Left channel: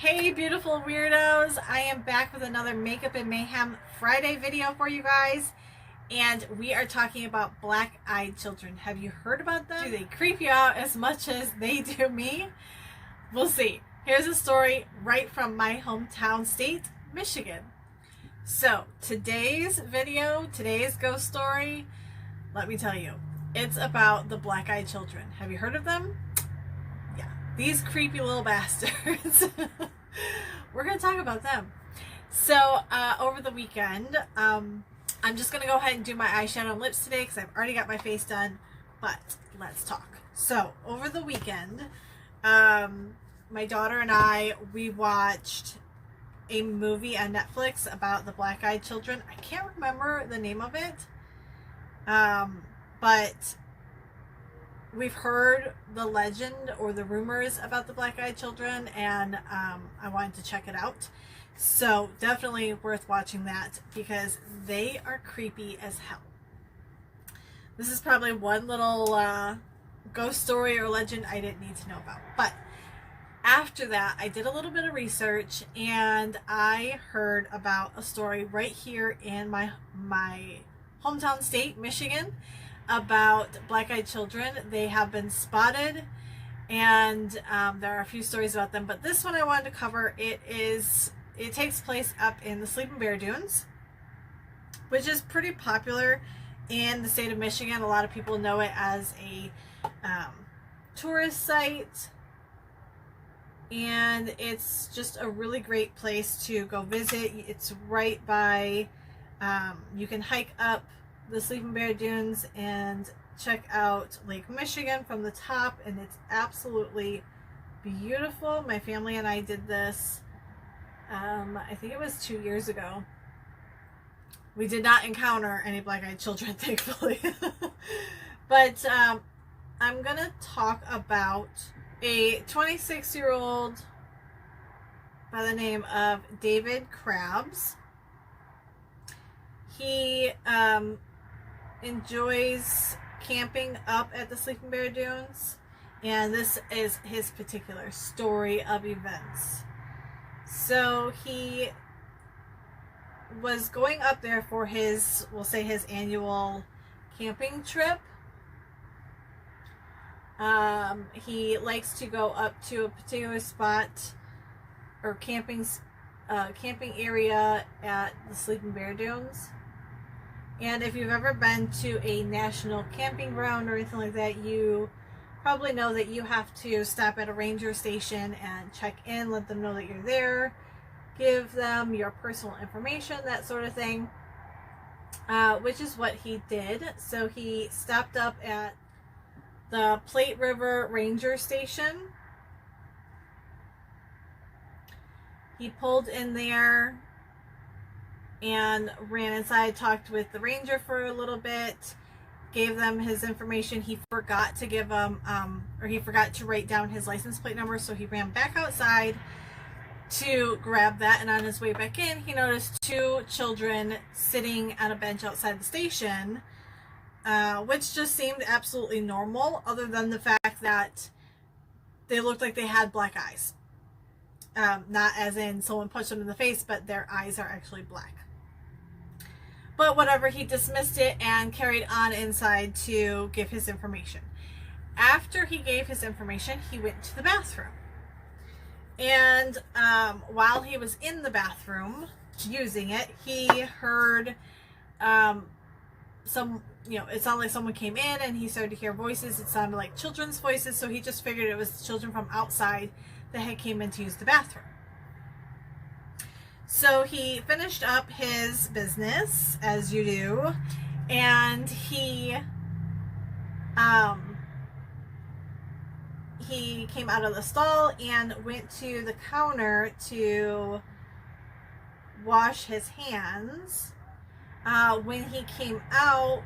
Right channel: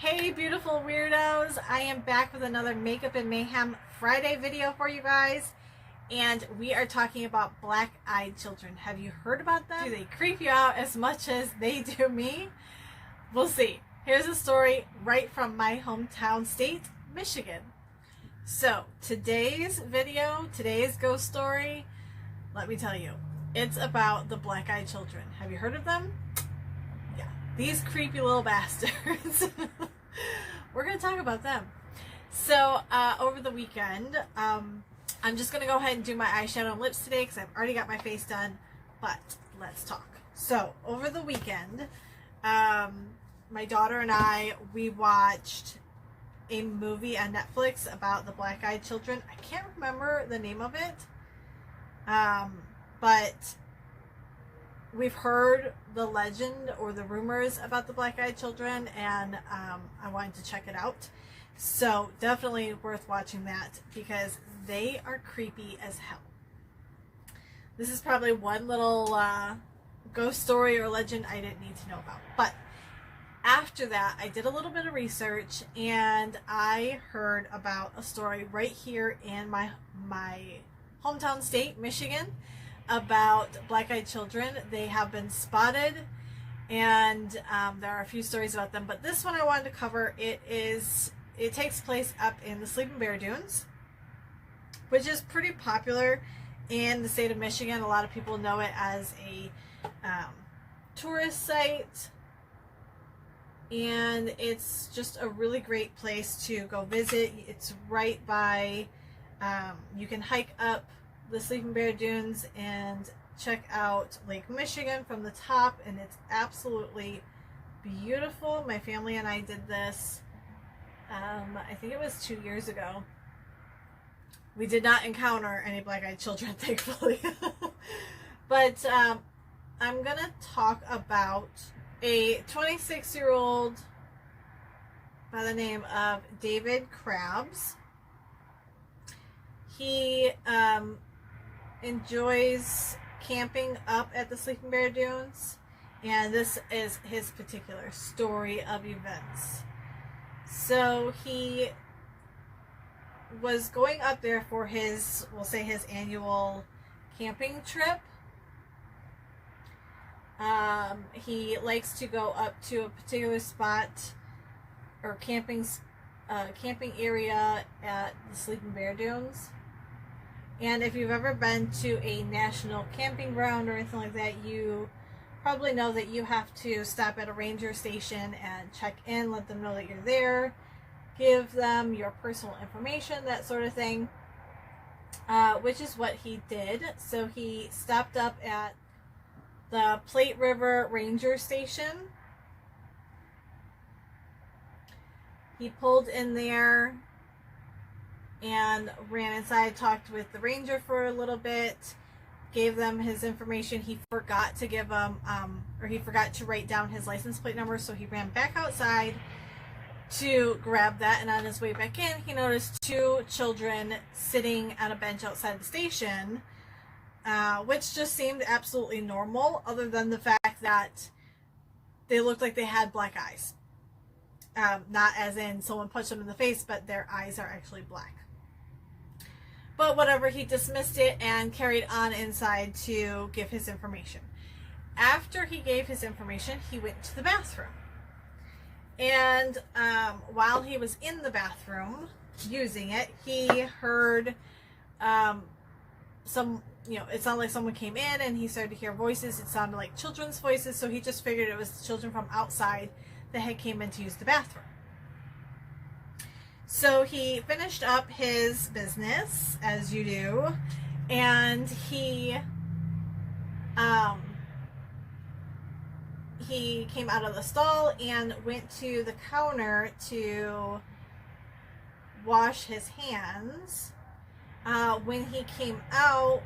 Hey beautiful weirdos, I am back with another Makeup and Mayhem Friday video for you guys, and we are talking about black-eyed children. Have you heard about them? Do they creep you out as much as they do me? We'll see. Here's a story right from my hometown state, Michigan. So today's video, today's ghost story, let me tell you, it's about the black-eyed children. Have you heard of them? These creepy little bastards. We're going to talk about them. So, over the weekend, I'm just going to go ahead and do my eyeshadow and lips today because I've already got my face done. But, let's talk. So, over the weekend, my daughter and I, we watched a movie on Netflix about the black-eyed children. I can't remember the name of it. But we've heard the legend or the rumors about the black-eyed children, and I wanted to check it out. So definitely worth watching that because they are creepy as hell. This is probably one little ghost story or legend I didn't need to know about. But after that, I did a little bit of research and I heard about a story right here in my hometown state, Michigan, about black-eyed children. They have been spotted, and there are a few stories about them, but this one I wanted to cover. It takes place up in the Sleeping Bear Dunes, which is pretty popular in the state of Michigan. A lot of people know it as a tourist site, and it's just a really great place to go visit. It's right by, you can hike up the Sleeping Bear Dunes and check out Lake Michigan from the top, and it's absolutely beautiful. My family and I did this, I think it was 2 years ago. We did not encounter any black-eyed children, thankfully. But I'm gonna talk about a 26-year-old by the name of David Krabs. He enjoys camping up at the Sleeping Bear Dunes, and this is his particular story of events. So he was going up there for his, we'll say, his annual camping trip. He likes to go up to a particular spot or camping area at the Sleeping Bear Dunes. And if you've ever been to a national camping ground or anything like that, you probably know that you have to stop at a ranger station and check in, let them know that you're there, give them your personal information, that sort of thing, which is what he did. So he stopped up at the Plate River Ranger Station. He pulled in there and ran inside, talked with the ranger for a little bit, gave them his information. He forgot to give them, or he forgot to write down his license plate number, so he ran back outside to grab that, and on his way back in, he noticed two children sitting on a bench outside the station, which just seemed absolutely normal, other than the fact that they looked like they had black eyes. Not as in someone punched them in the face, but their eyes are actually black. But whatever, he dismissed it and carried on inside to give his information. After he gave his information, he went to the bathroom. And while he was in the bathroom using it, he heard it sounded like someone came in, and he started to hear voices. It sounded like children's voices, so he just figured it was children from outside that had came in to use the bathroom. So he finished up his business, as you do, and he came out of the stall and went to the counter to wash his hands. When he came out,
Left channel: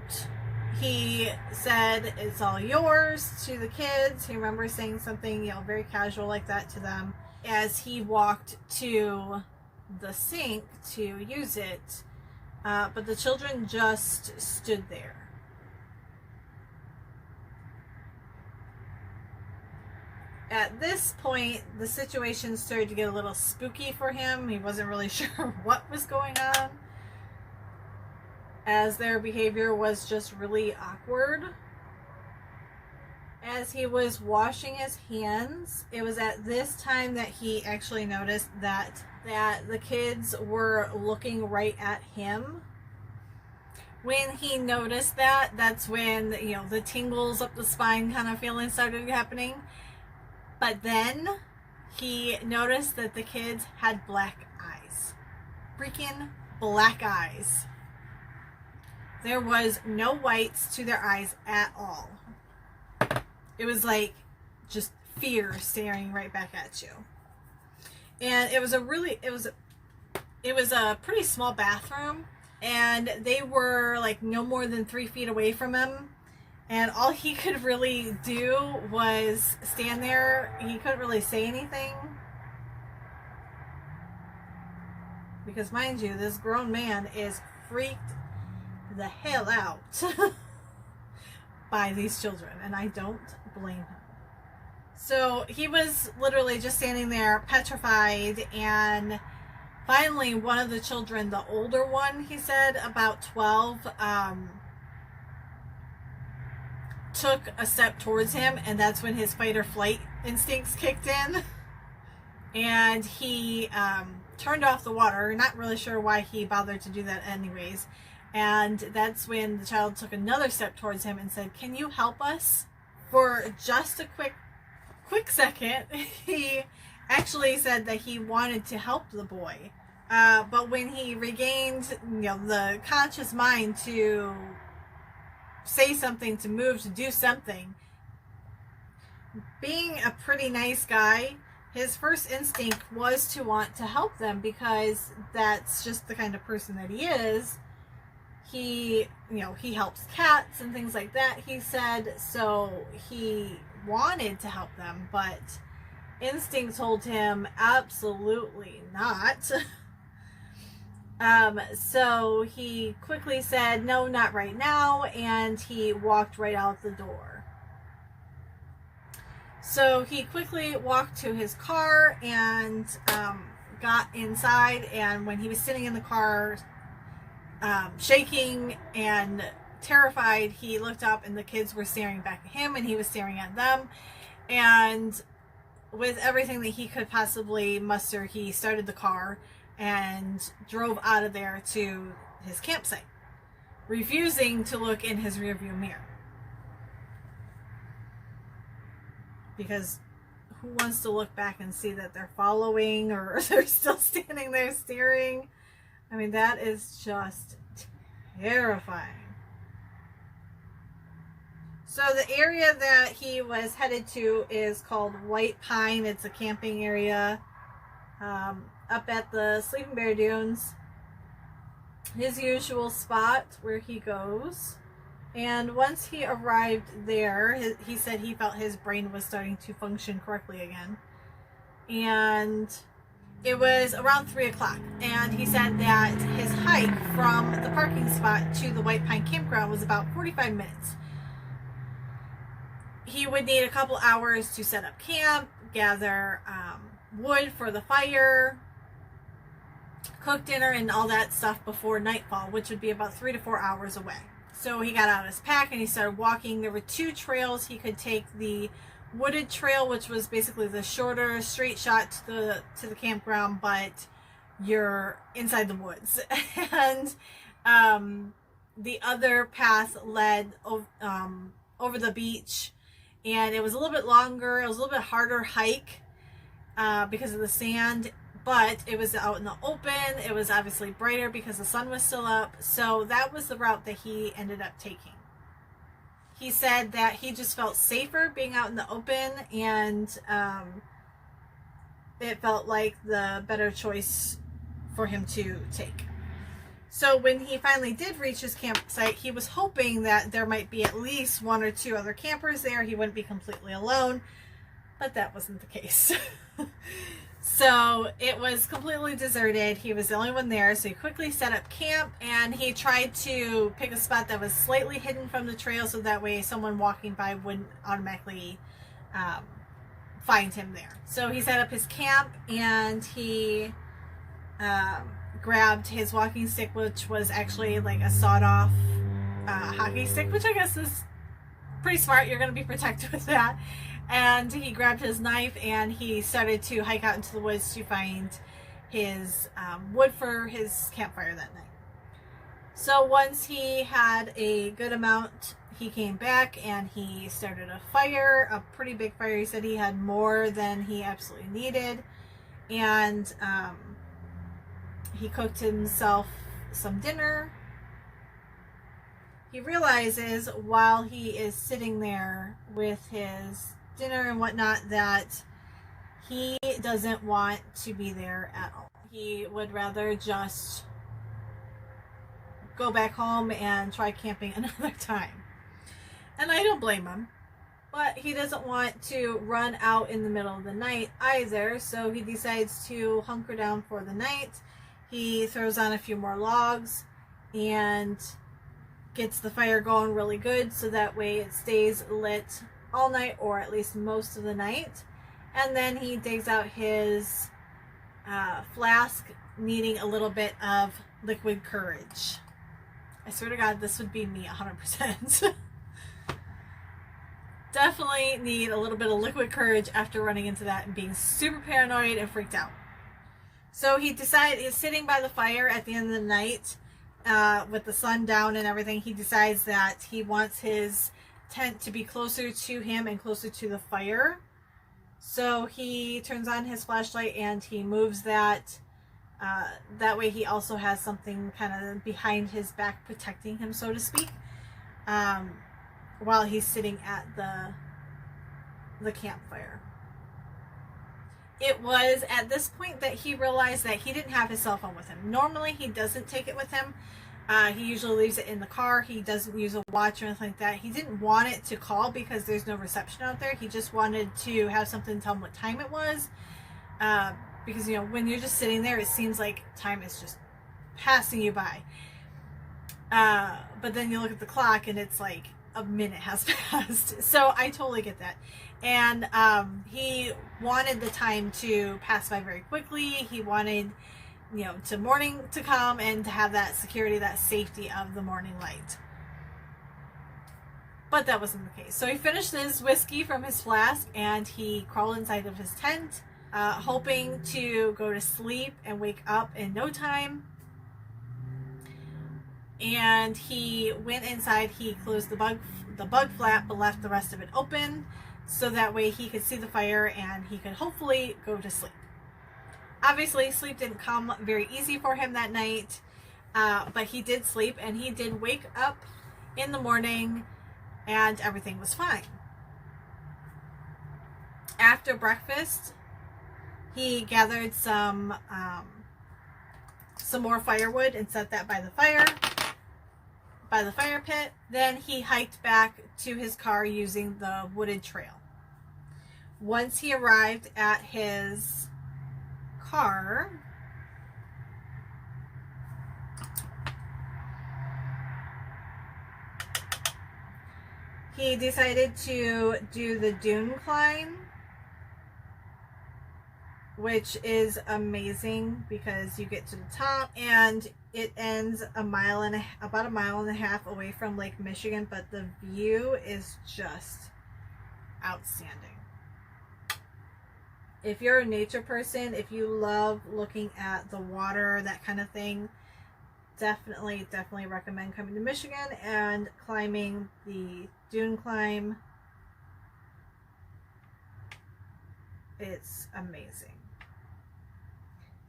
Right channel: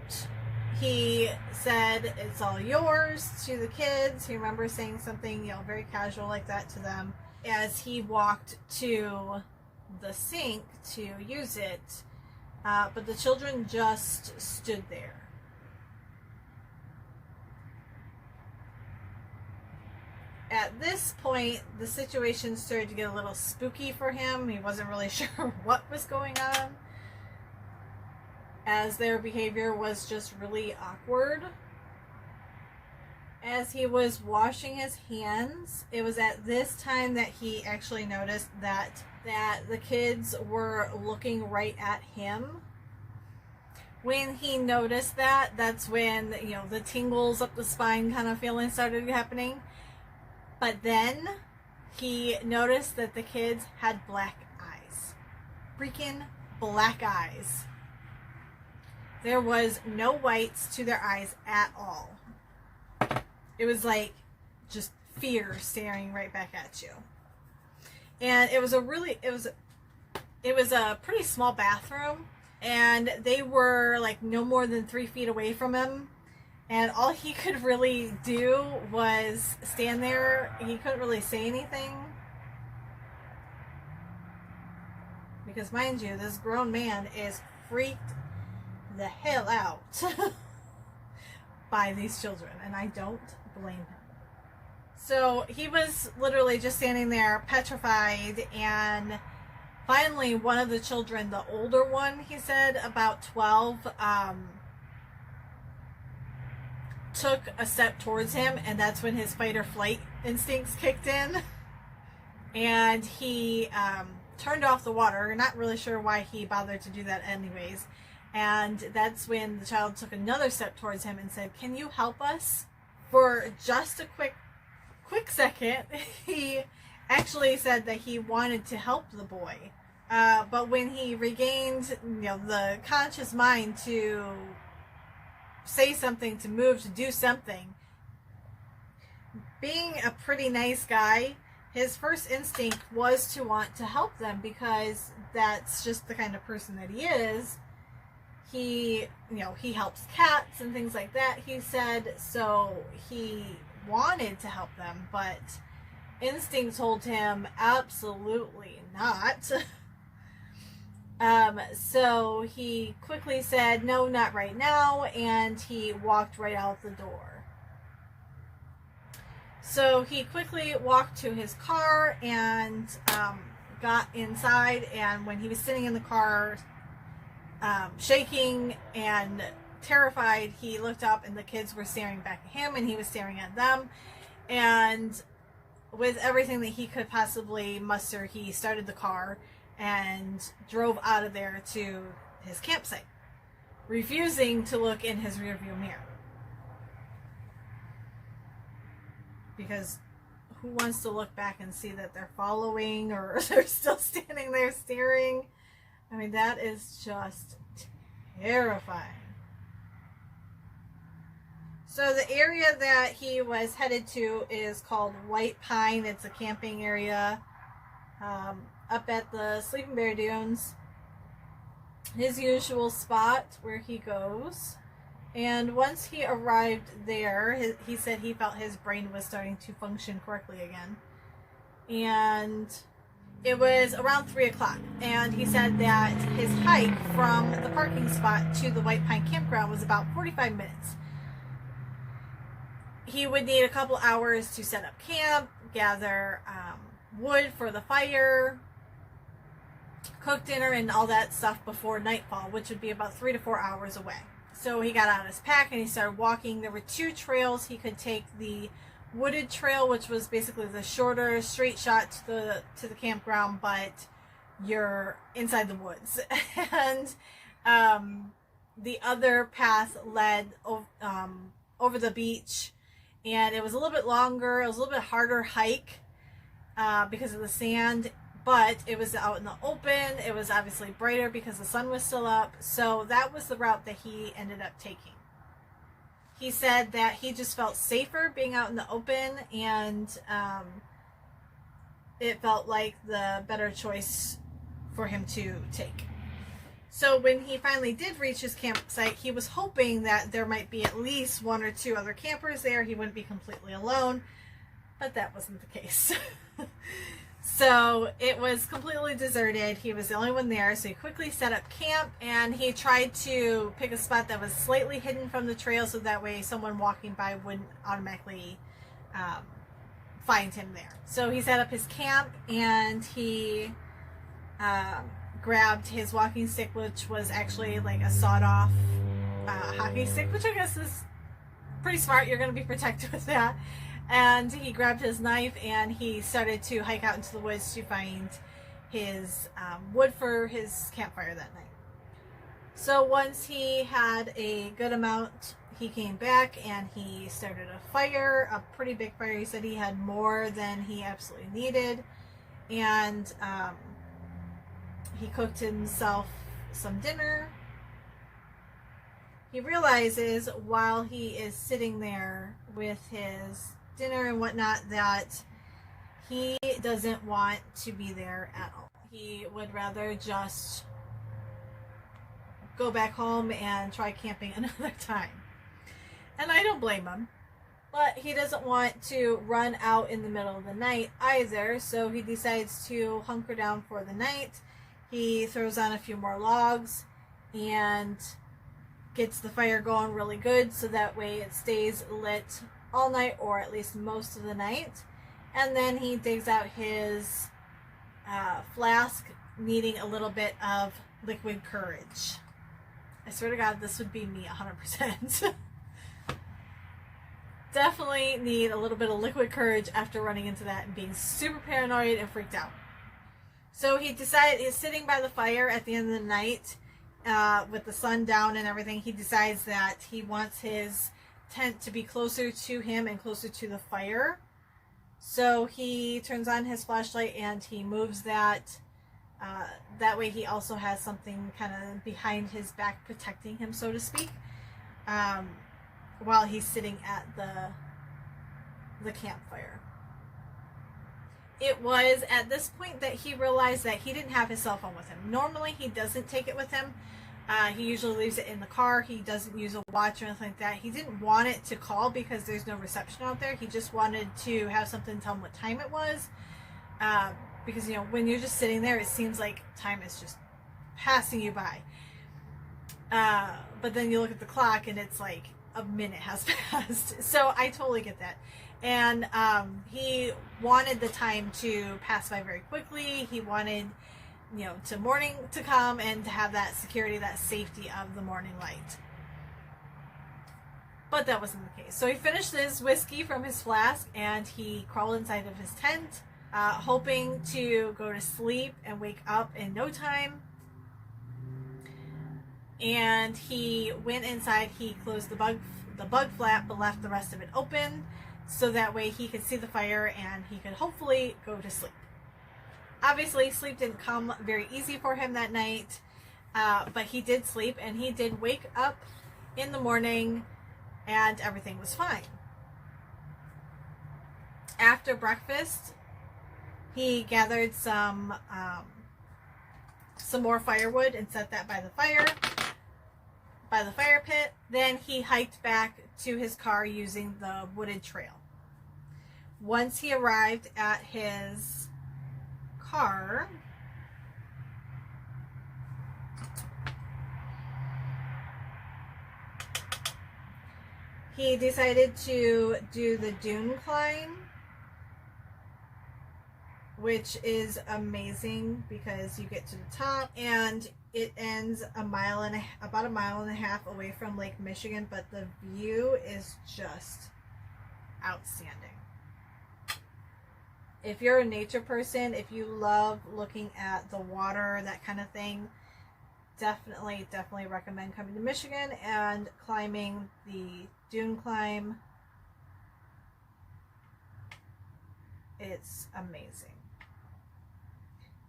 he said, "It's all yours," to the kids. He remembers saying something, very casual like that to them as he walked to the sink to use it, but the children just stood there. at this point, the situation started to get a little spooky for him. He wasn't really sure what was going on, as their behavior was just really awkward. As he was washing his hands, it was at this time that he actually noticed that the kids were looking right at him. When he noticed that, that's when, you know, the tingles up the spine kind of feeling started happening. But then he noticed that the kids had black eyes. Freaking black eyes. There was no whites to their eyes at all. It was like just fear staring right back at you. And it was a pretty small bathroom, and they were like no more than 3 feet away from him. And all he could really do was stand there. He couldn't really say anything. Because mind you, this grown man is freaked the hell out by these children. And I don't blame him. So he was literally just standing there petrified, and finally one of the children, the older one, he said about 12, took a step towards him, and that's when his fight or flight instincts kicked in, and he turned off the water. Not really sure why he bothered to do that anyways. And that's when the child took another step towards him and said, "Can you help us?" For just a quick second, he actually said that he wanted to help the boy. But when he regained, you know, the conscious mind to say something, to move, to do something, being a pretty nice guy, his first instinct was to want to help them, because that's just the kind of person that he is. He, you know, he helps cats and things like that, he said, so he wanted to help them, but instinct told him absolutely not. So he quickly said, "No, not right now," and he walked right out the door. So he quickly walked to his car and got inside, and when he was sitting in the car, shaking and terrified, he looked up and the kids were staring back at him, and he was staring at them. And with everything that he could possibly muster, he started the car and drove out of there to his campsite, refusing to look in his rearview mirror. Because who wants to look back and see that they're following, or they're still standing there staring? I mean, that is just terrifying. So the area that he was headed to is called White Pine. It's a camping area up at the Sleeping Bear Dunes. His usual spot where he goes. And once he arrived there, he said he felt his brain was starting to function correctly again. And it was around 3 o'clock, and he said that his hike from the parking spot to the White Pine campground was about 45 minutes. He would need a couple hours to set up camp, gather wood for the fire, cook dinner, and all that stuff before nightfall, which would be about 3 to 4 hours away. So he got out his pack and he started walking. There were 2 trails. He could take the wooded trail, which was basically the shorter straight shot to the campground, but you're inside the woods. And the other path led over the beach, and it was a little bit longer. It was a little bit harder hike because of the sand, but it was out in the open. It was obviously brighter because the sun was still up. So that was the route that he ended up taking. He said that he just felt safer being out in the open, and it felt like the better choice for him to take. So when he finally did reach his campsite, he was hoping that there might be at least 1 or 2 other campers there. He wouldn't be completely alone, but that wasn't the case. So it was completely deserted. He was the only one there, so he quickly set up camp, and he tried to pick a spot that was slightly hidden from the trail, so that way someone walking by wouldn't automatically find him there. So he set up his camp, and he grabbed his walking stick, which was actually like a sawed-off hockey stick, which I guess is pretty smart. You're going to be protected with that. And he grabbed his knife, and he started to hike out into the woods to find his wood for his campfire that night. So once he had a good amount, he came back and he started a fire, a pretty big fire. He said he had more than he absolutely needed. And he cooked himself some dinner. He realizes while he is sitting there with his dinner and whatnot that he doesn't want to be there at all. He would rather just go back home and try camping another time. And I don't blame him. But he doesn't want to run out in the middle of the night either, so he decides to hunker down for the night. He throws on a few more logs and gets the fire going really good, so that way it stays lit all night, or at least most of the night. And then he digs out his flask, needing a little bit of liquid courage. I swear to God, this would be me 100%. Definitely need a little bit of liquid courage after running into that and being super paranoid and freaked out. So he he's sitting by the fire at the end of the night with the sun down and everything. He decides that he wants his tent to be closer to him and closer to the fire. So he turns on his flashlight and he moves that. That way he also has something kind of behind his back protecting him, so to speak, while he's sitting at the campfire. It was at this point that he realized that he didn't have his cell phone with him. Normally he doesn't take it with him. He usually leaves it in the car. He doesn't use a watch or anything like that. He didn't want it to call because there's no reception out there. He just wanted to have something to tell him what time it was. Because, you know, when you're just sitting there, it seems like time is just passing you by. But then you look at the clock and it's like a minute has passed. So I totally get that. And he wanted the time to pass by very quickly. He wanted, you know, to morning to come and to have that security, that safety of the morning light. But that wasn't the case. So he finished his whiskey from his flask and he crawled inside of his tent, hoping to go to sleep and wake up in no time. And he went inside, he closed the bug flap, but left the rest of it open, so that way he could see the fire and he could hopefully go to sleep. Obviously, sleep didn't come very easy for him that night, but he did sleep and he did wake up in the morning and everything was fine. After breakfast, he gathered some more firewood and set that by the fire pit. Then he hiked back to his car using the wooded trail. Once he arrived at his car, he decided to do the dune climb, which is amazing because you get to the top and it ends about a mile and a half away from Lake Michigan, but the view is just outstanding. If you're a nature person, if you love looking at the water, that kind of thing, definitely recommend coming to Michigan and climbing the dune climb. It's amazing.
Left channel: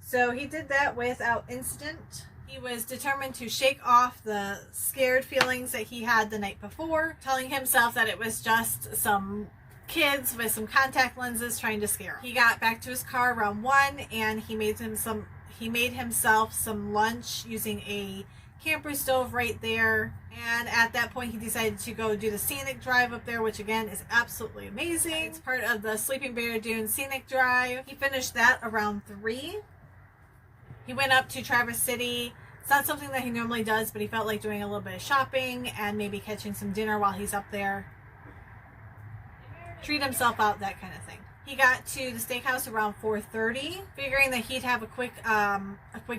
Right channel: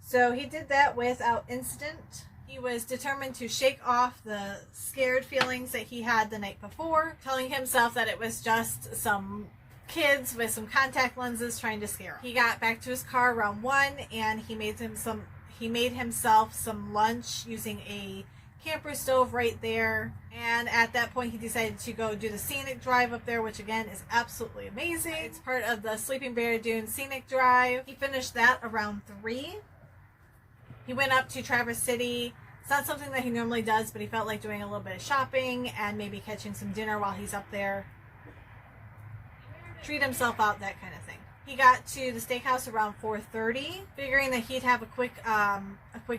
So he did that without incident. He was determined to shake off the scared feelings that he had the night before, telling himself that it was just some kids with some contact lenses trying to scare him. He got back to his car around 1 and he made himself some lunch using a camper stove right there. And at that point he decided to go do the scenic drive up there, which again is absolutely amazing. It's part of the Sleeping Bear Dune Scenic Drive. He finished that around 3. He went up to Traverse City. It's not something that he normally does, but he felt like doing a little bit of shopping and maybe catching some dinner while he's up there. Treat himself out, that kind of thing. He got to the steakhouse around 4:30, figuring that he'd have a quick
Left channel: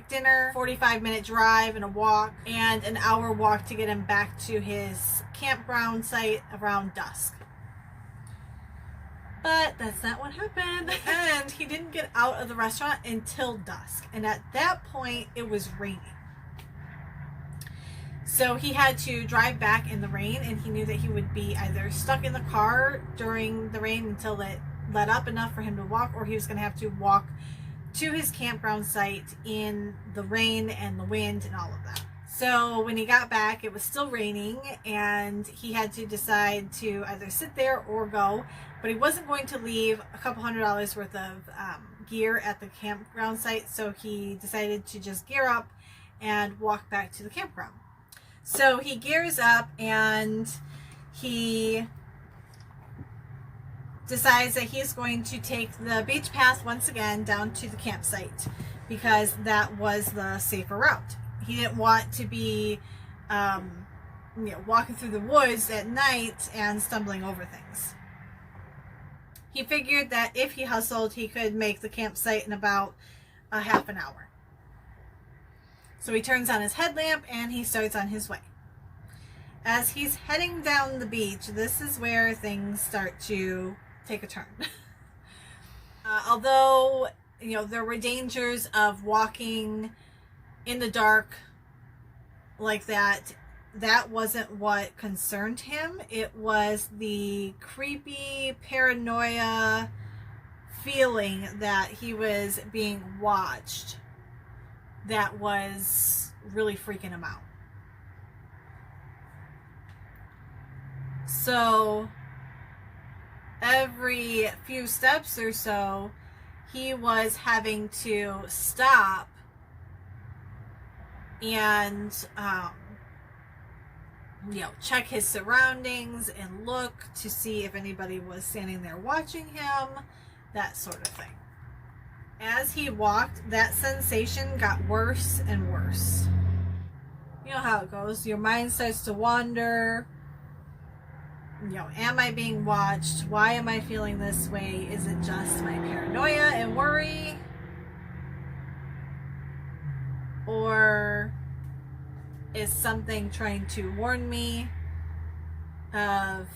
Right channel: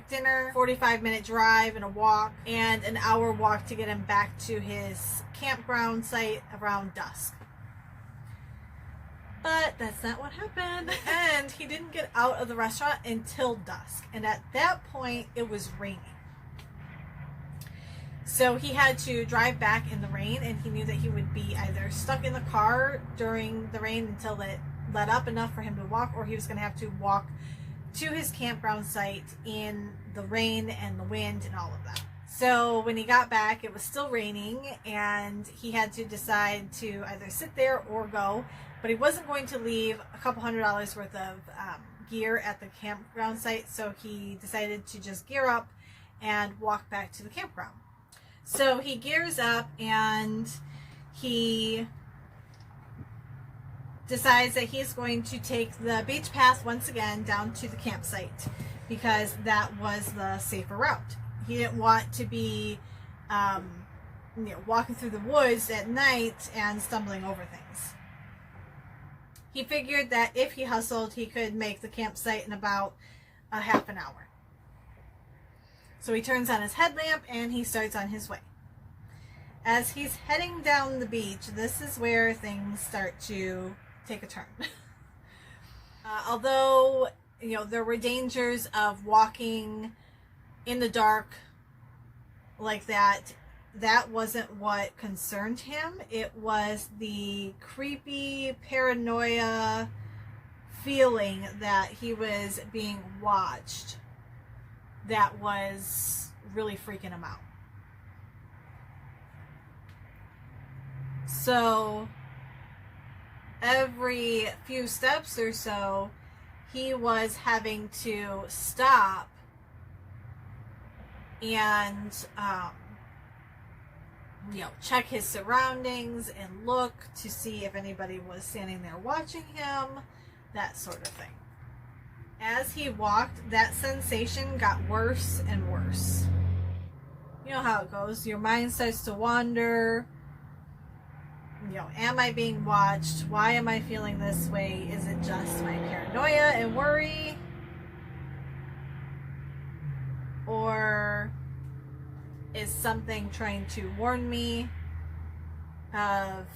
dinner, 45-minute drive and a walk, and an hour walk to get him back to his campground site around dusk. But that's not what happened. And he didn't get out of the restaurant until dusk. And at that point, it was raining. So he had to drive back in the rain, and he knew that he would be either stuck in the car during the rain until it let up enough for him to walk, or he was going to have to walk to his campground site in the rain and the wind and all of that. So when he got back, it was still raining, and he had to decide to either sit there or go. But he wasn't going to leave a couple $100 worth of gear at the campground site, so he decided to just gear up and walk back to the campground. So he gears up and he decides that he's going to take the beach path once again down to the campsite because that was the safer route. He didn't want to be walking through the woods at night and stumbling over things. He figured that if he hustled, he could make the campsite in about a half an hour. So he turns on his headlamp and he starts on his way. As he's heading down the beach, this is where things start to take a turn. Although, there were dangers of walking in the dark like that, that wasn't what concerned him. It was the creepy paranoia feeling that he was being watched that was really freaking him out. So every few steps or so, he was having to stop and check his surroundings and look to see if anybody was standing there watching him, that sort of thing. As he walked, that sensation got worse and worse. You know how it goes. Your mind starts to wander. Am I being watched? Why am I feeling this way? Is it just my paranoia and worry? Or is something trying to warn me of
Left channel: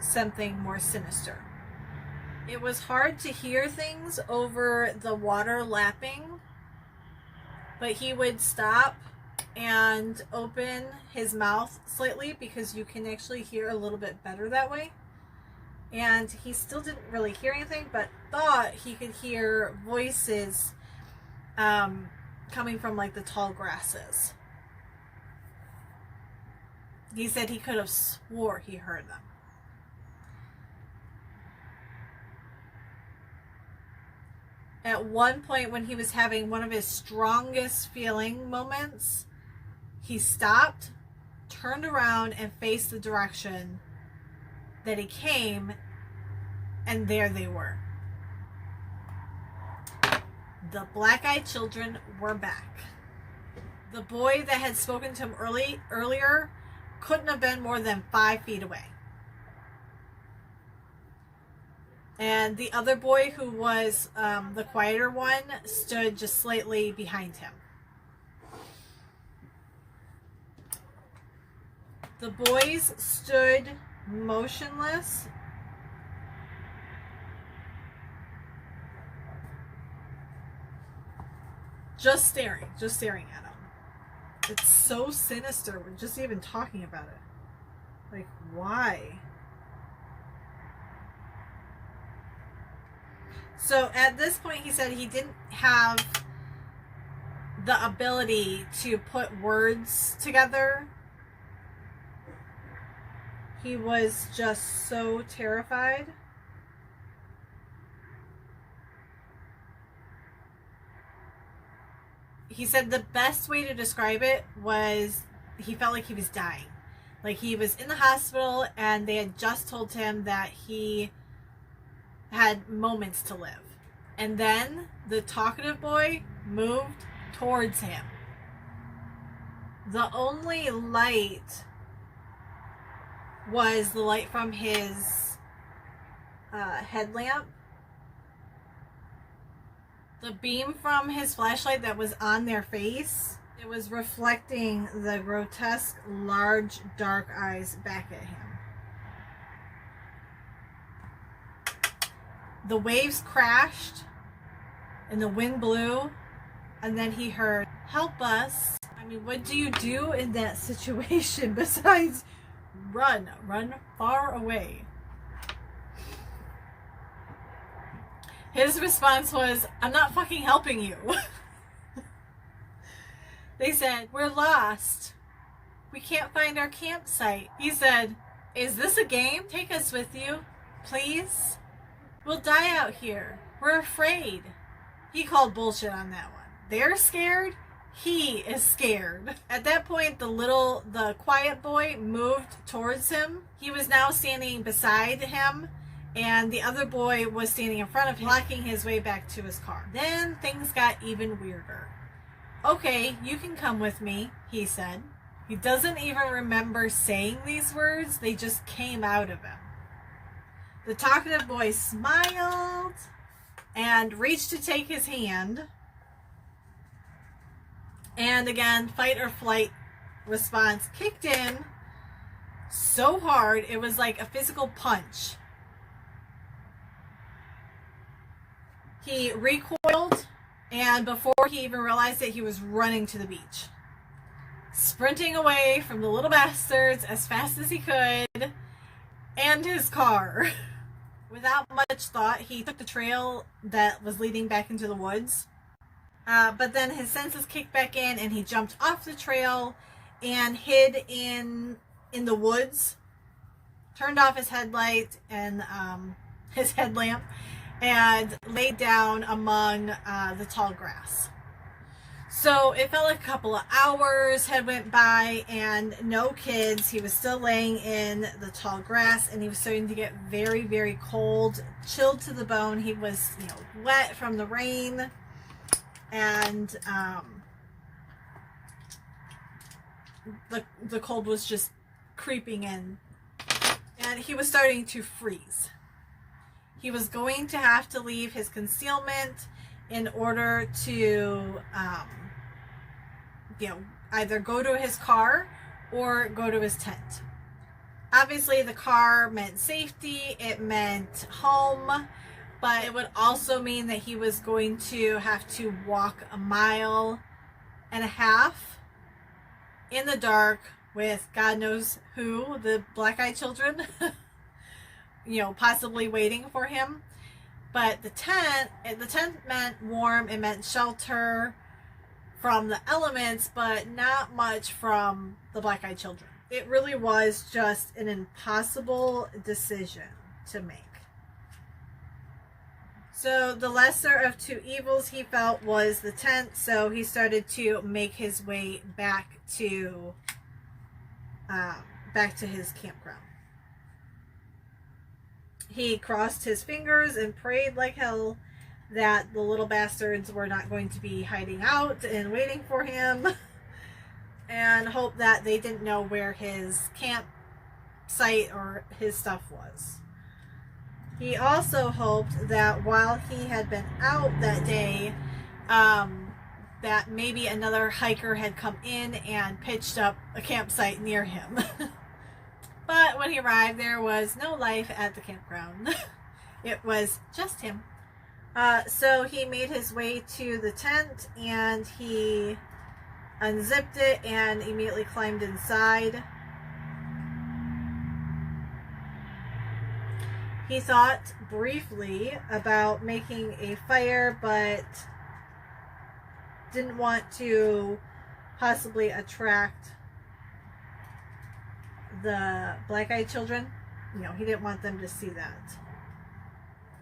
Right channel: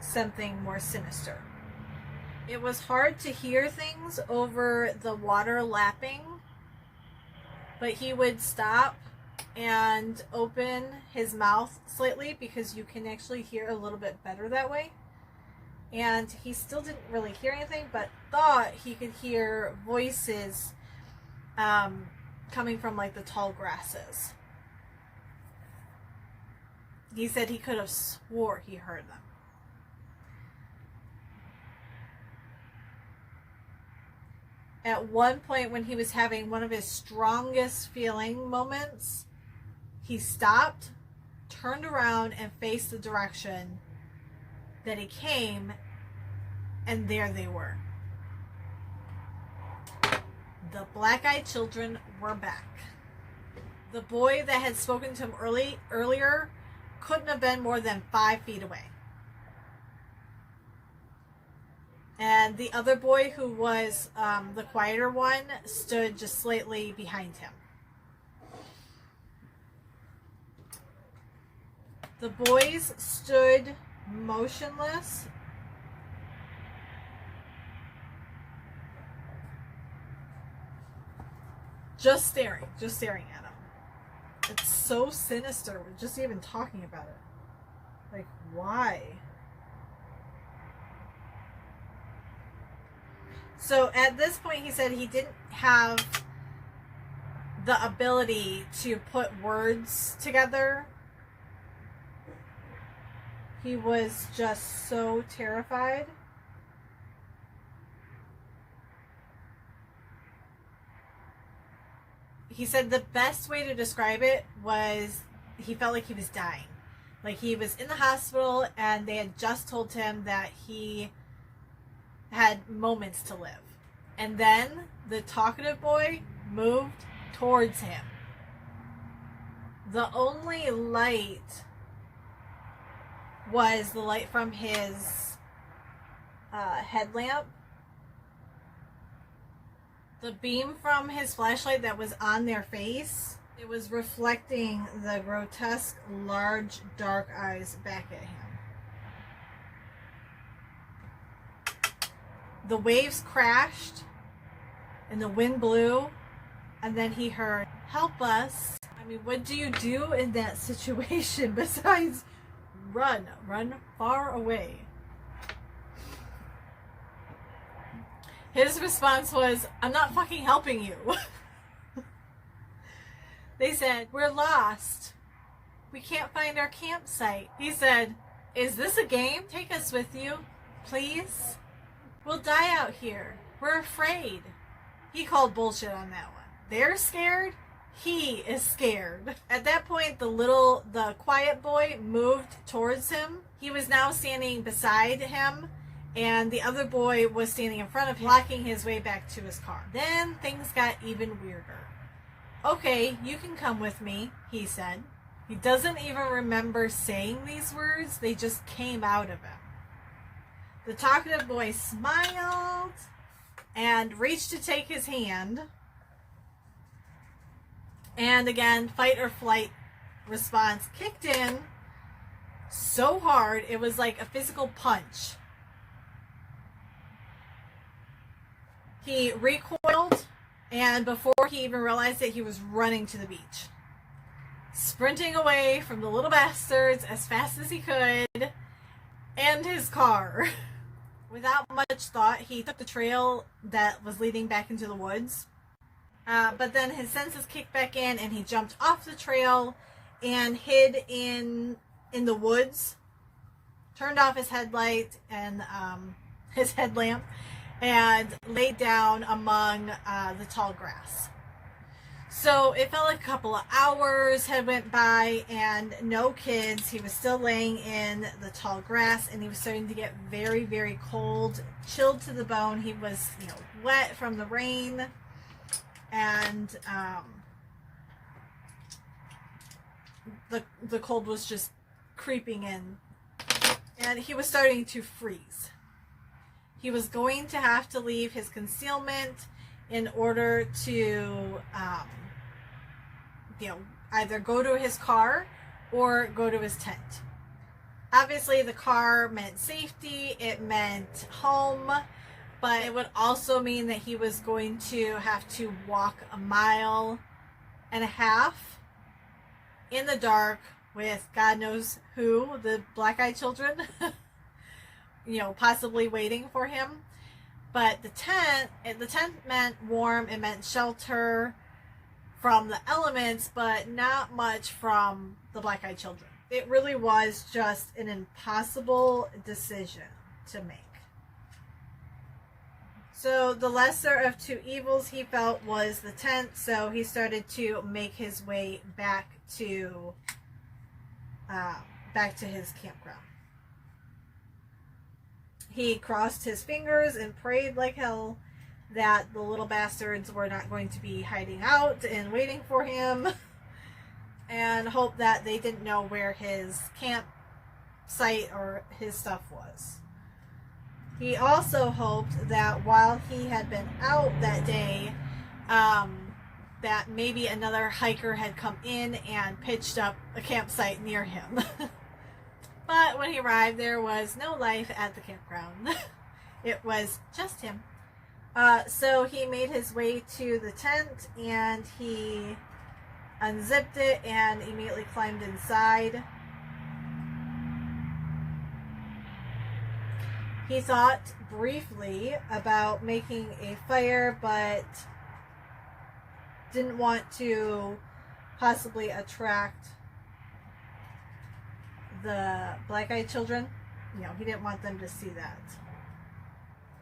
something more sinister? It was hard to hear things over the water lapping, but he would stop and open his mouth slightly because you can actually hear a little bit better that way. And he still didn't really hear anything, but thought he could hear voices coming from like the tall grasses. He said he could have swore he heard them. At one point when he was having one of his strongest feeling moments, he stopped, turned around, and faced the direction that he came, and there they were. The black-eyed children were back. The boy that had spoken to him earlier couldn't have been more than 5 feet away. And the other boy, who was the quieter one, stood just slightly behind him. The boys stood motionless, just staring at him. It's so sinister. We're just even talking about it. Like, why? So at this point, he said he didn't have the ability to put words together. He was just so terrified. He said the best way to describe it was he felt like he was dying. Like he was in the hospital and they had just told him that he had moments to live. And then the talkative boy moved towards him. The only light was the light from his headlamp. The beam from his flashlight that was on their face, it was reflecting the grotesque, large, dark eyes back at him. The waves crashed and the wind blew, and then he heard, "Help us." I mean, what do you do in that situation besides run far away? His response was, "I'm not fucking helping you." They said, "We're lost. We can't find our campsite." He said, "Is this a game? Take us with you, please. We'll die out here. We're afraid." He called bullshit on that one. They're scared. He is scared. At that point, the quiet boy moved towards him. He was now standing beside him, and the other boy was standing in front of him, blocking his way back to his car. Then things got even weirder. "Okay, you can come with me," he said. He doesn't even remember saying these words. They just came out of him. The talkative boy smiled and reached to take his hand. And again, fight or flight response kicked in so hard, it was like a physical punch. He recoiled, and before he even realized it, he was running to the beach, sprinting away from the little bastards as fast as he could and his car. Without much thought, he took the trail that was leading back into the woods. But then his senses kicked back in, and he jumped off the trail and hid in the woods, turned off his headlight and his headlamp, and laid down among the tall grass. So it felt like a couple of hours had went by and no kids. He was still laying in the tall grass, and he was starting to get very, very cold, chilled to the bone. He was, wet from the rain, and the cold was just creeping in, and he was starting to freeze. He was going to have to leave his concealment in order to either go to his car or go to his tent. Obviously, the car meant safety, it meant home, but it would also mean that he was going to have to walk 1.5 miles in the dark with God knows who, the black-eyed children, possibly waiting for him. But the tent meant warm, it meant shelter from the elements, but not much from the black-eyed children. It really was just an impossible decision to make. So the lesser of two evils, he felt, was the tent, so he started to make his way back to his campground. He crossed his fingers and prayed like hell that the little bastards were not going to be hiding out and waiting for him, and hoped that they didn't know where his campsite or his stuff was. He also hoped that while he had been out that day, that maybe another hiker had come in and pitched up a campsite near him. But when he arrived, there was no life at the campground. It was just him. So he made his way to the tent, and he unzipped it and immediately climbed inside. He thought briefly about making a fire, but didn't want to possibly attract the black-eyed children. He didn't want them to see that.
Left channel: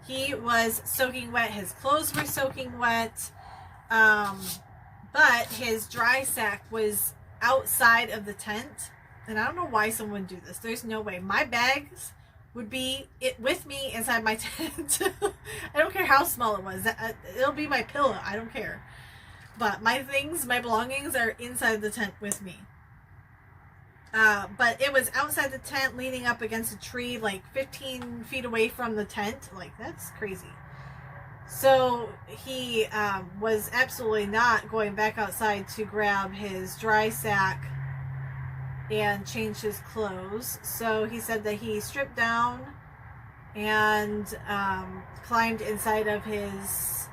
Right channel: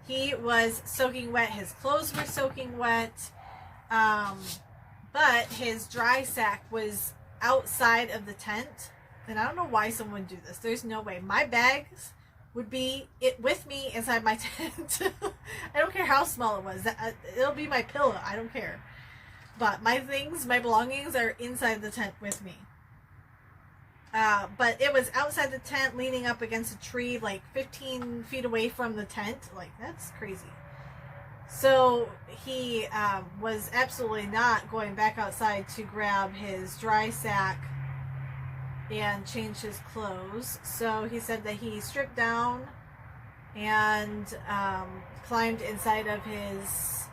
He was soaking wet. His clothes were soaking wet. But his dry sack was outside of the tent. And I don't know why someone would do this. There's no way. My bags would be with me inside my tent. I don't care how small it was. It'll be my pillow. I don't care. But my things, my belongings are inside the tent with me. But it was outside the tent, leaning up against a tree, like 15 feet away from the tent. Like, that's crazy. So he was absolutely not going back outside to grab his dry sack and change his clothes. So he said that he stripped down and climbed inside of his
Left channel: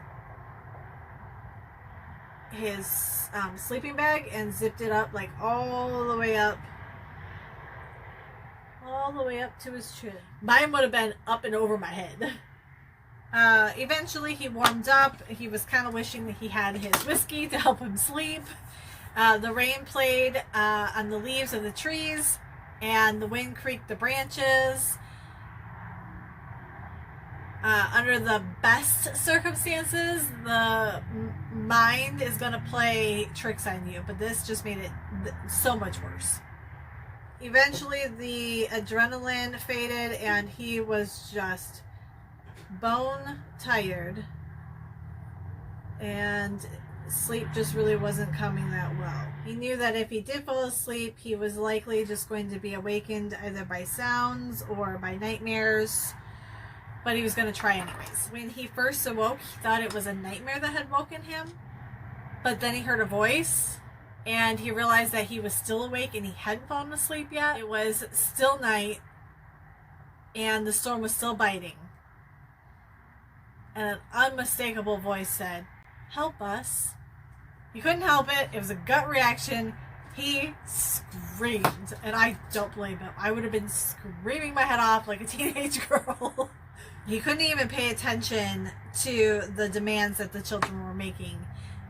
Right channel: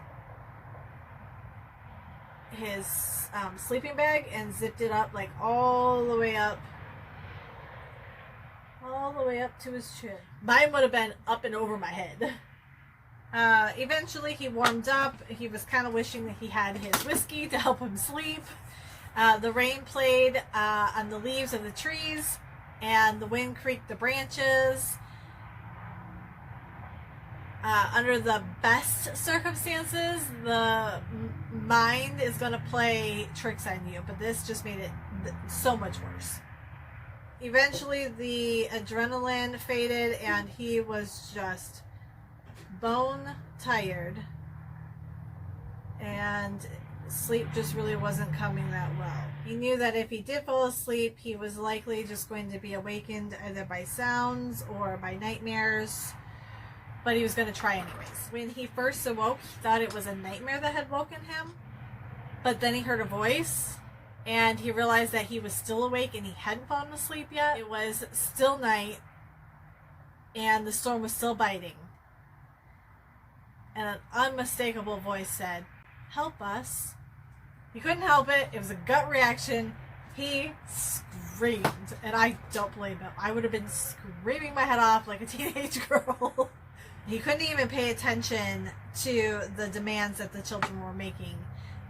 sleeping bag and zipped it up, like all the way up to his chin. Mine would have been up and over my head. Eventually he warmed up. He was kind of wishing that he had his whiskey to help him sleep. The rain played on the leaves of the trees, and the wind creaked the branches. Under the best circumstances, the mind is going to play tricks on you, but this just made it so much worse. Eventually, the adrenaline faded, and he was just bone tired, and sleep just really wasn't coming that well. He knew that if he did fall asleep, he was likely just going to be awakened either by sounds or by nightmares, but he was going to try anyways. When he first awoke, he thought it was a nightmare that had woken him, but then he heard a voice, and he realized that he was still awake and he hadn't fallen asleep yet. It was still night, and the storm was still biting. And an unmistakable voice said, "Help us." He couldn't help it. It was a gut reaction. He screamed, and I don't blame him. I would have been screaming my head off like a teenage girl. He couldn't even pay attention to the demands that the children were making,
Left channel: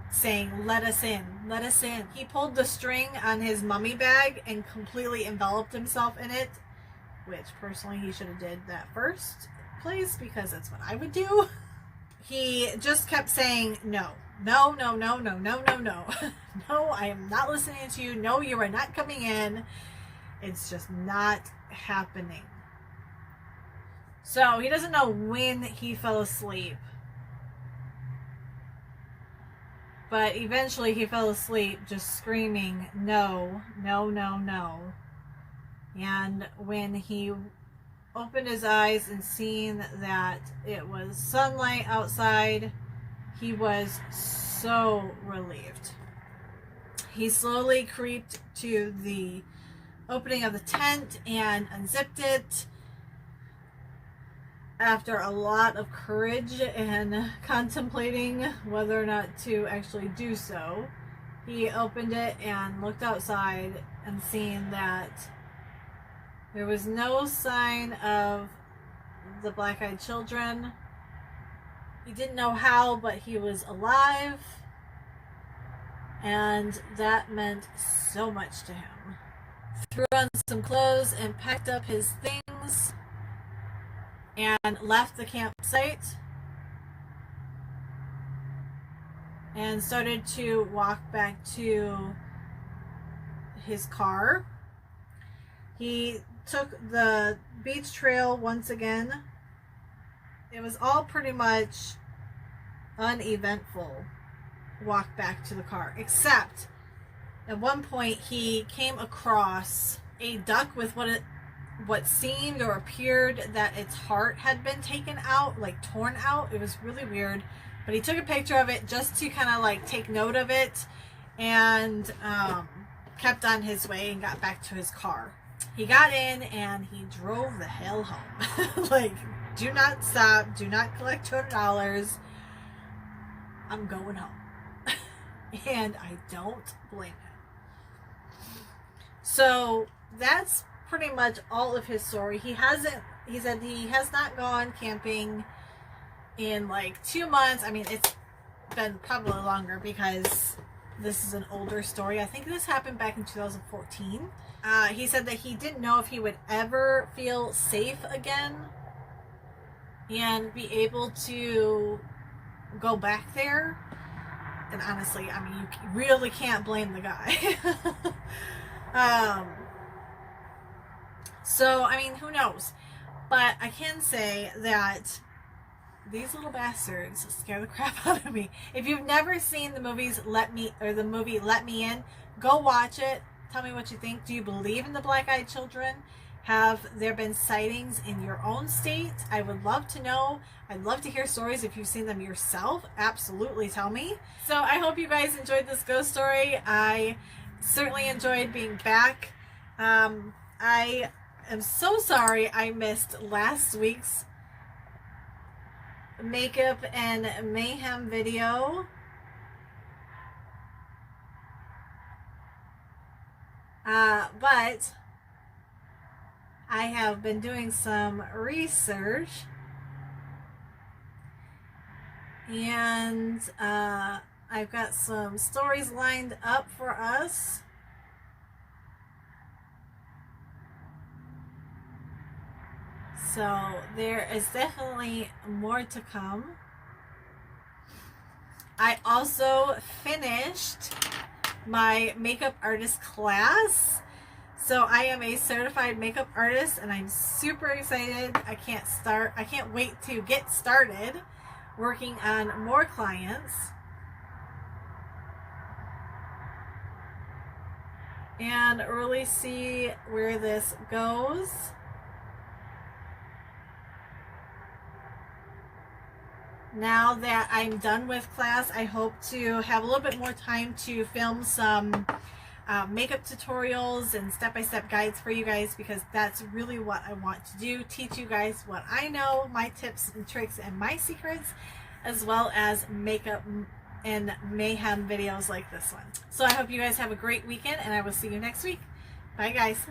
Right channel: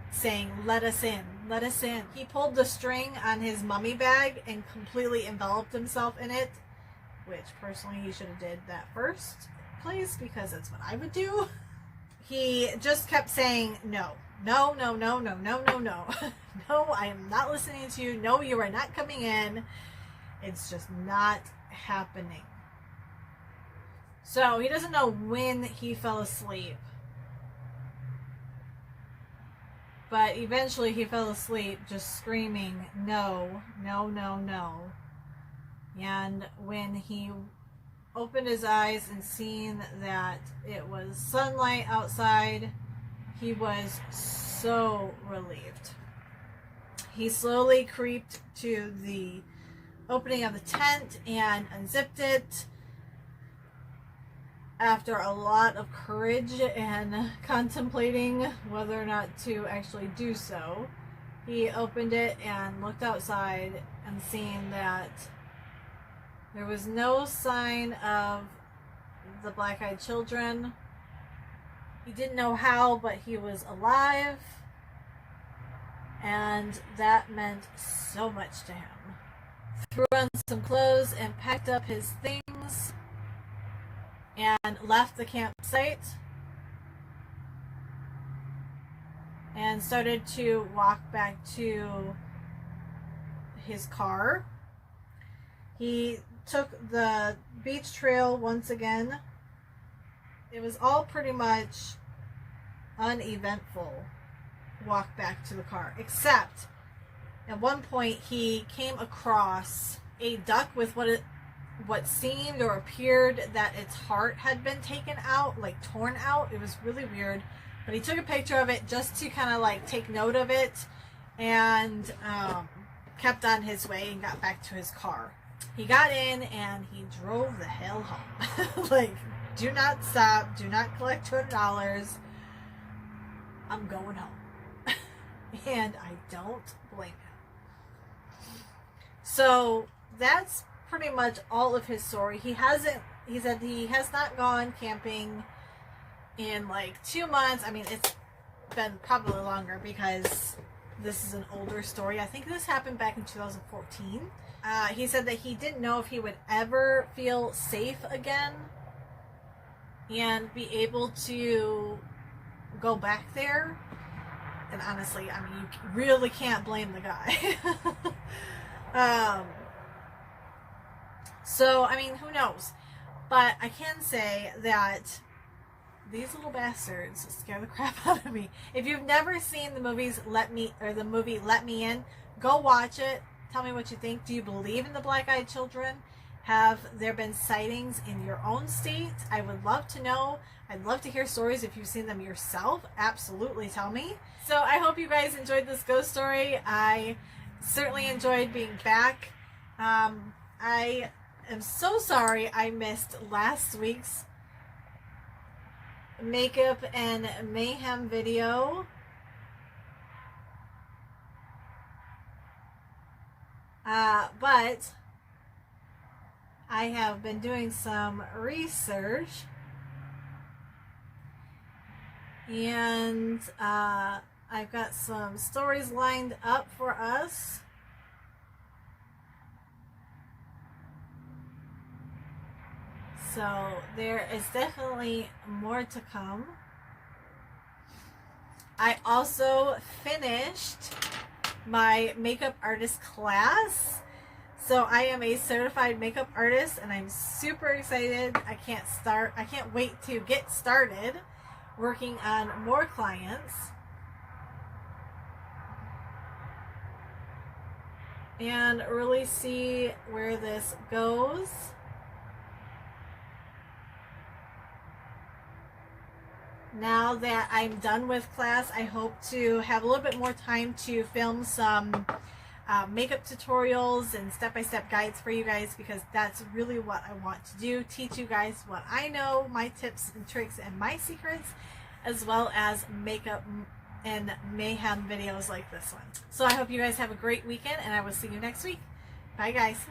saying, "Let us in, let us in." He pulled the string on his mummy bag and completely enveloped himself in it, which personally he should have did that first place, because that's what I would do. He just kept saying, "No, no, no, no, no, no, no, no. No, I am not listening to you. No, you are not coming in. It's just not happening." So he doesn't know when he fell asleep, but eventually he fell asleep just screaming, "No, no, no, no." And when he opened his eyes and seen that it was sunlight outside, he was so relieved. He slowly creeped to the opening of the tent and unzipped it. After a lot of courage and contemplating whether or not to actually do so, he opened it and looked outside and seen that there was no sign of the black-eyed children. He didn't know how, but he was alive, and that meant so much to him. Threw on some clothes and packed up his things and left the campsite and started to walk back to his car. He took the beach trail once again. It was all pretty much uneventful walk back to the car, except at one point he came across a duck with what seemed or appeared that its heart had been taken out, like torn out. It was really weird, but he took a picture of it just to kind of like take note of it, and kept on his way and got back to his car. He got in and he drove the hell home. Like, do not stop, do not collect $200. I'm going home. And I don't blame him. So that's pretty much all of his story. He said he has not gone camping in like 2 months. I mean, it's been probably longer because this is an older story. I think this happened back in 2014. He said that he didn't know if he would ever feel safe again and be able to go back there. And honestly, I mean, you really can't blame the guy. So, I mean, who knows? But I can say that these little bastards scare the crap out of me. If you've never seen the movie Let Me In, go watch it. Tell me what you think. Do you believe in the black-eyed children? Have there been sightings in your own state? I would love to know. I'd love to hear stories if you've seen them yourself. Absolutely tell me. So I hope you guys enjoyed this ghost story. I certainly enjoyed being back. I am so sorry I missed last week's makeup and mayhem video. But I have been doing some research, and I've got some stories lined up for us. So there is definitely more to come. I also finished my makeup artist class. So I am a certified makeup artist and I'm super excited. I can't wait to get started working on more clients and really see where this goes. Now that I'm done with class, I hope to have a little bit more time to film some makeup tutorials and step-by-step guides for you guys, because that's really what I want to do. Teach you guys what I know, my tips and tricks and my secrets, as well as makeup and mayhem videos like this one. So I hope you guys have a great weekend and I will see you next week. Bye guys.